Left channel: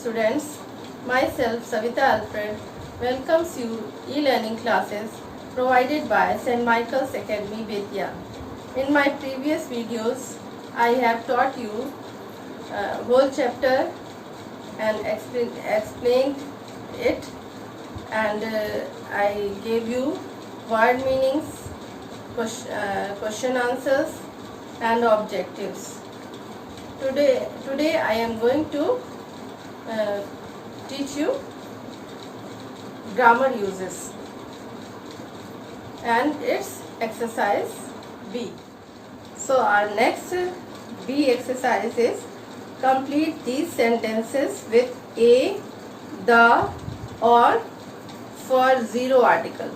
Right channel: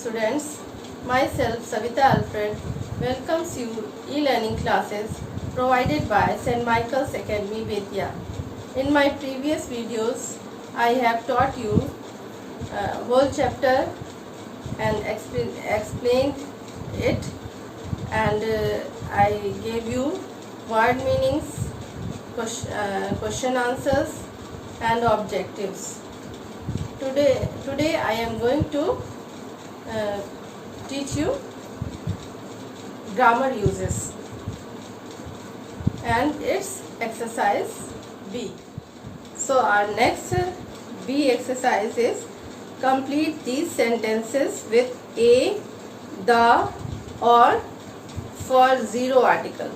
students, myself Savita Alfred welcomes you e-learning classes provided by St. Michael's Academy Vidya. In my previous videos, I have taught you whole chapter and explained it, and I gave you word meanings, question answers and objectives. Today I am going to teach you grammar uses, and it's exercise B. So our next B exercise is complete these sentences with a, the, or for zero article.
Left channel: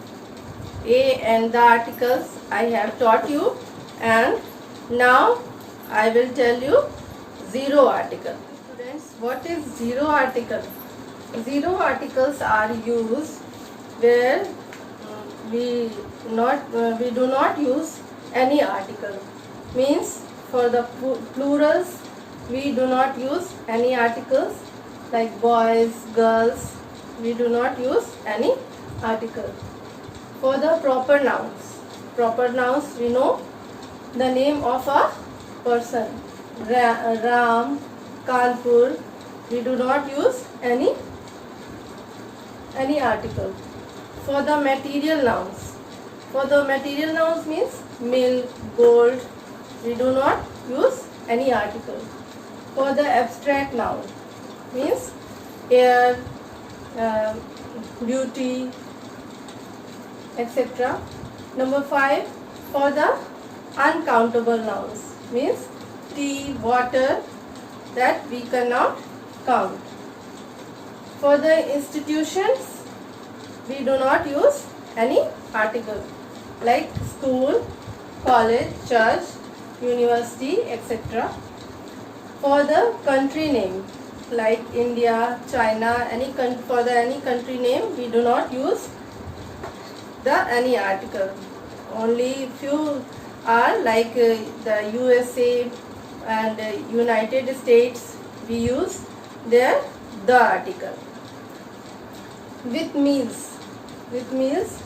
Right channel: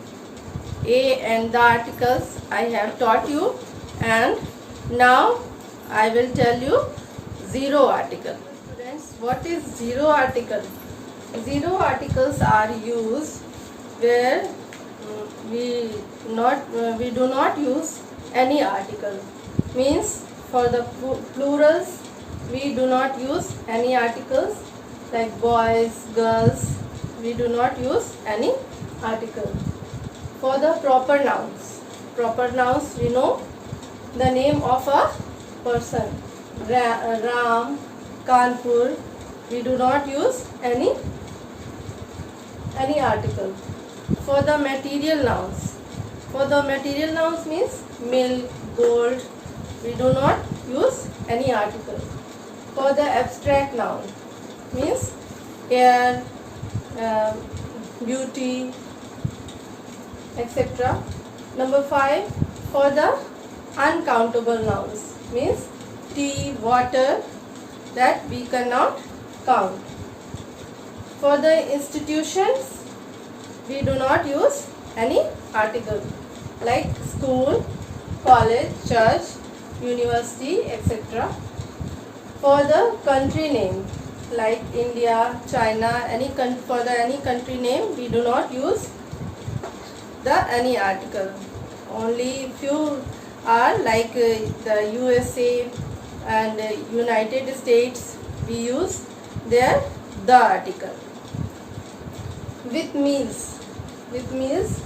A and the articles I have taught you, and now I will tell you zero article. Students, what is zero article? Zero articles are used where we do not use any article. Means for the plurals we do not use any articles, like boys, girls, we do not use any article. For the proper nouns we know the name of a person, Ram, Kanpur, we do not use any article. For the material nouns means milk, gold, we do not use any article. For the abstract noun means air, beauty, etc. Number 5, for the uncountable nouns means tea, water, that we cannot count. For the institutions we do not use any article, like school, college, church, university, etc. For the country name, like India, China, for any country name we do not use any article. Only few are like the USA and United States, we use there the article. With meals means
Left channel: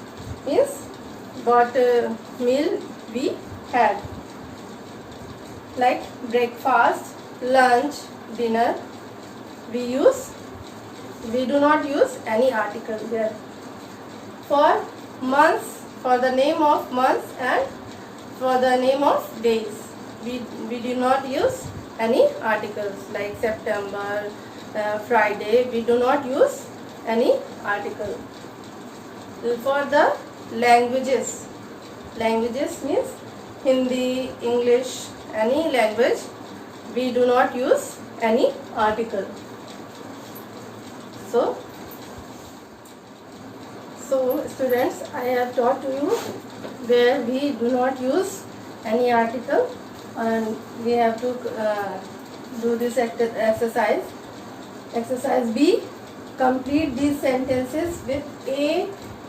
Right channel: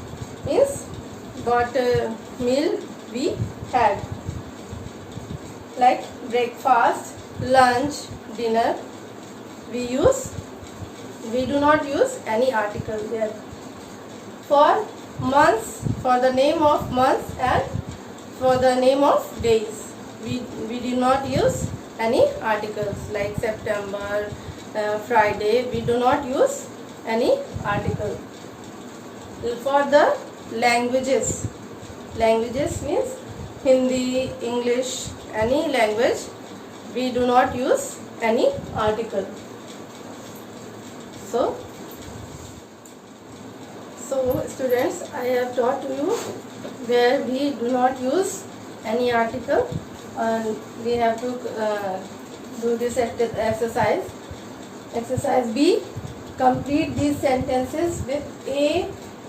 what meal we had, like breakfast, lunch, dinner, we do not use any article there. For months, for the name of months and for the name of days, we do not use any articles, like September, Friday, we do not use any article. For the languages means Hindi, English, any language, we do not use any article. So students, I have taught you where we do not use any article, and we have to do this exercise. Exercise B, complete these sentences with a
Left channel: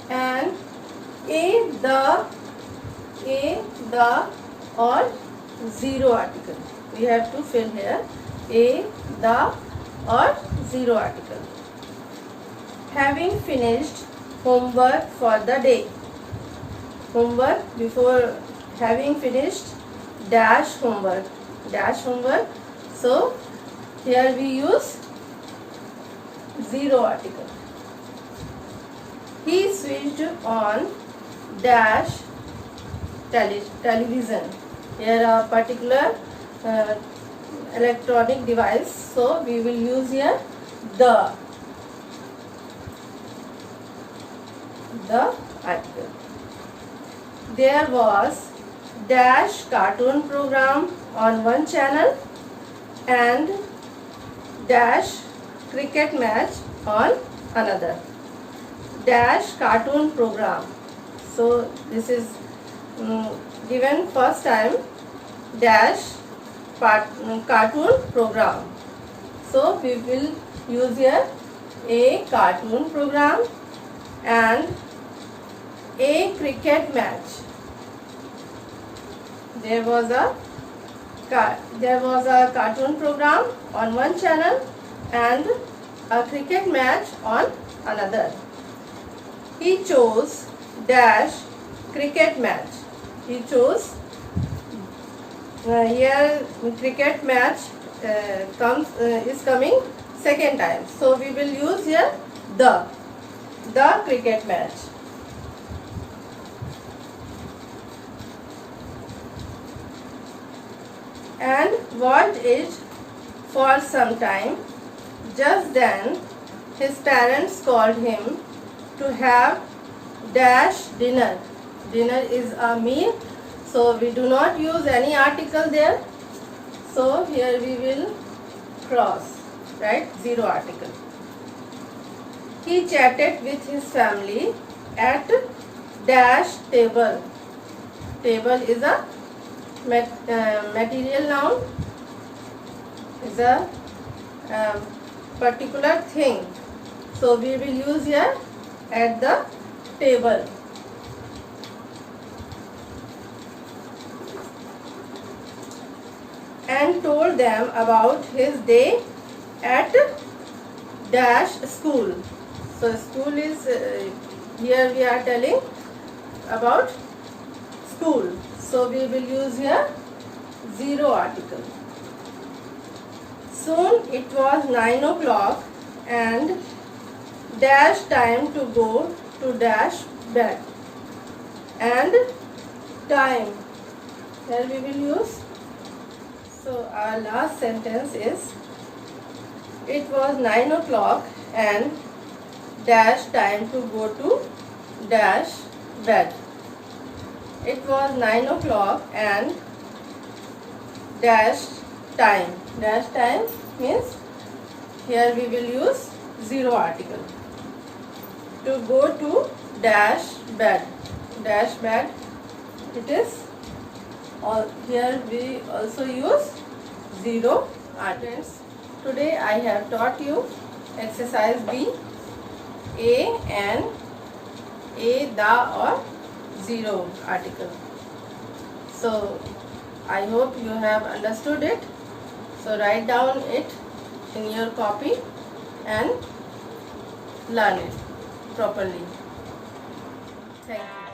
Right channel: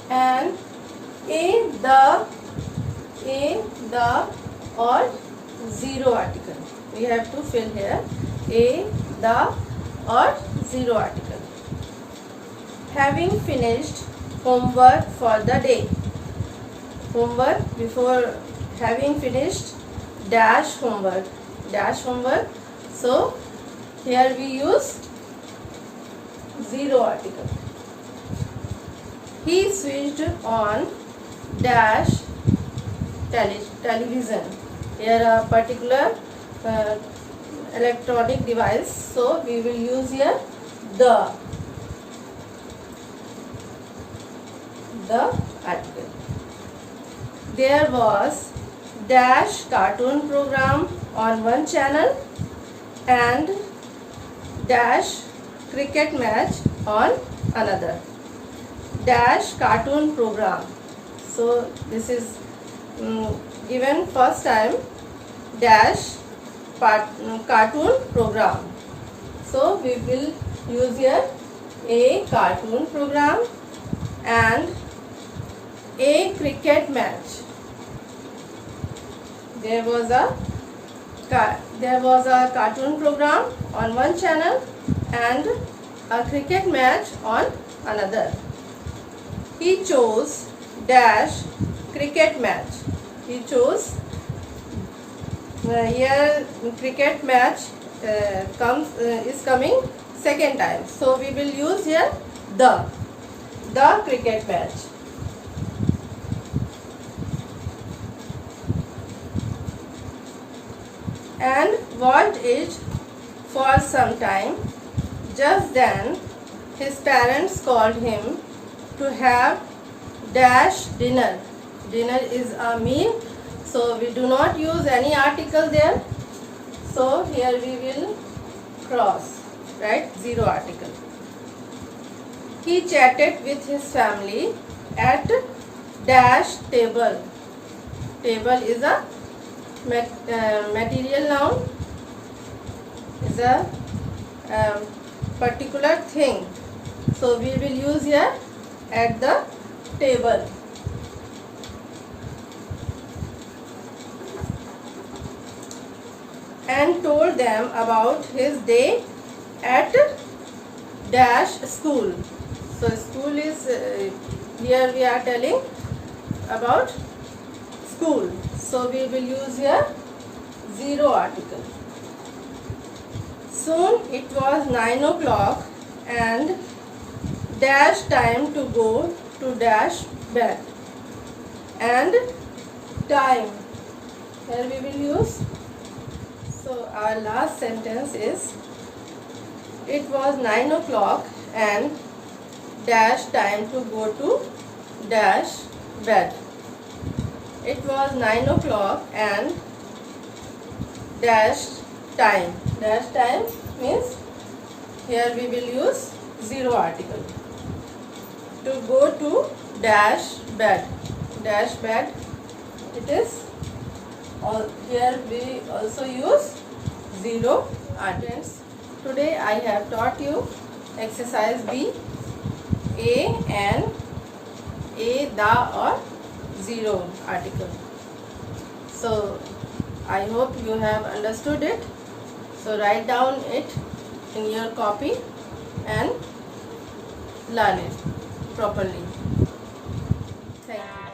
and the, or zero article. We have to fill here a, the, or zero article. Having finished homework for the day. Homework, before having finished dash homework. So here we use zero article. He switched on dash television. Here a particular electronic device, so we will use here the article. There was dash cartoon program on one channel and dash cricket match on another. Dash cartoon program. So this is given first time, dash cartoon program. So we will use here a cartoon program and a cricket match. There was a cartoon program on one channel and a cricket match on another. He chose dash cricket match. He chose here cricket match is coming second time. So we will use here the cricket match. And watched it for some time. Just then his parents called him to have dash dinner. Dinner is a meal, so we do not use any article there. So here we will cross, right? Zero article. He chatted with his family at dash table. Table is a material noun, is a particular thing. So we will use here at the table. And told them about his day at dash school. So school is here we are telling about school. So we will use here zero article. Soon it was 9 o'clock and dash time to go to dash bed. And time, here we will use. So our last sentence is, it was 9 o'clock and dash time to go to dash bed. It was 9 o'clock and dash time. Dash time means here we will use zero article. To go to dash bed. Dash bed, it is here we also use zero articles. Today I have taught you exercise B, a, an, a, the or zero article. So I hope you have understood it. So write down it in your copy and learn it properly. Thank you.